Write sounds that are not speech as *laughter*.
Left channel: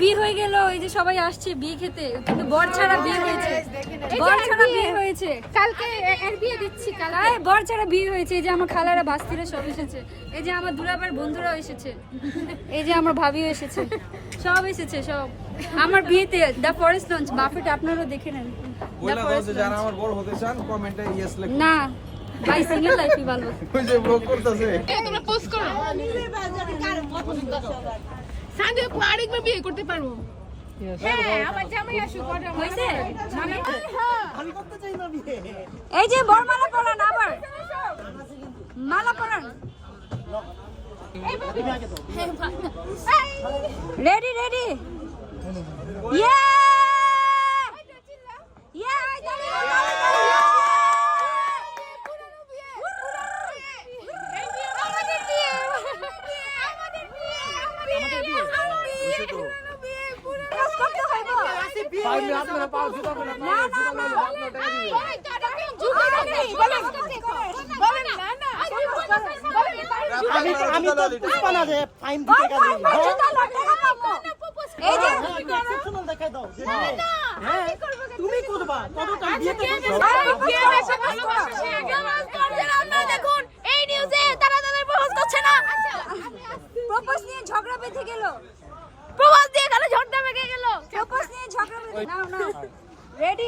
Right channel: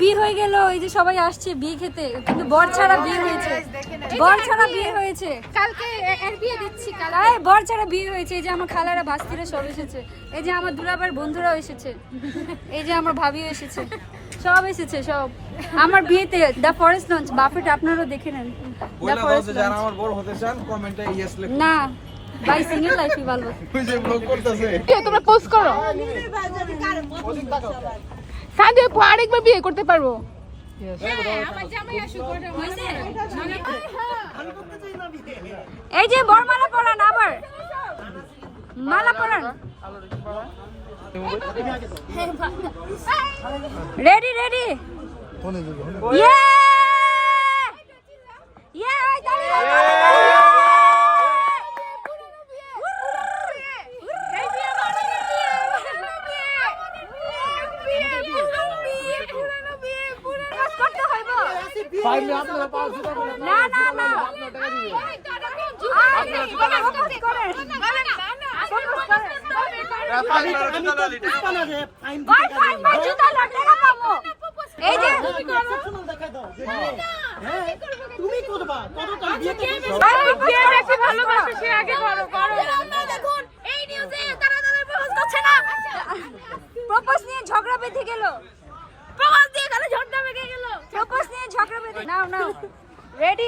বিয়ে হয়ে গেল এই যে সবাই আসছে বিয়ে খেতে। কিন্তু বর ছাড়া বিয়ে হয়েছে। বর ছাড়া বিয়ে হয়েছে। কালকে এর বিয়ে দিচ্ছি কাল এই বর ছাড়া বিয়ে হয়েছে। এই যে আমার খালারা বাস্তিরা সব এসেছে। এই যে আমার দুলাবার বন্ধুরাও এসেছে। এই যে আমার ভাবিও এসেছে। সব এসেছে সব। আমার বিয়েতে দ্য ফরেস্ট লঞ্চ বাফেট আপনারা দেখে নেন। The দাও যে যারা আমার বড় হতে চান কমেন্টে ইয়েস লিখুন না ভাই সিঙ্গেল লাইফই ভালো। *laughs* ওই যে ব্লগ করতেছে। তোমরা পোস্ট করো? আপু আরেকবার বিয়ে করতে পারব। হ্যাঁ এই যে বরমালা পড়ান আবার। মালা পড়ান রেডি রেডি ইয়ে হইব না না না আমি তো পুষ্পা না যে ফাইন দিতে ভাই ভাই জুতা লটে না পাবো এই যে এক্সেপশনাল দেখাই দাও হ্যাঁ তুমি করবা তত তো বিয়েতে করব। ভাই propose করো, propose করো। দেখুন এই নিউজে তারা তাদের প্রপোজ করছে না প্রপোজ নিয়ে ঝগড়া বেঁধে গেল প্রপোজ now, now. *laughs* Ready?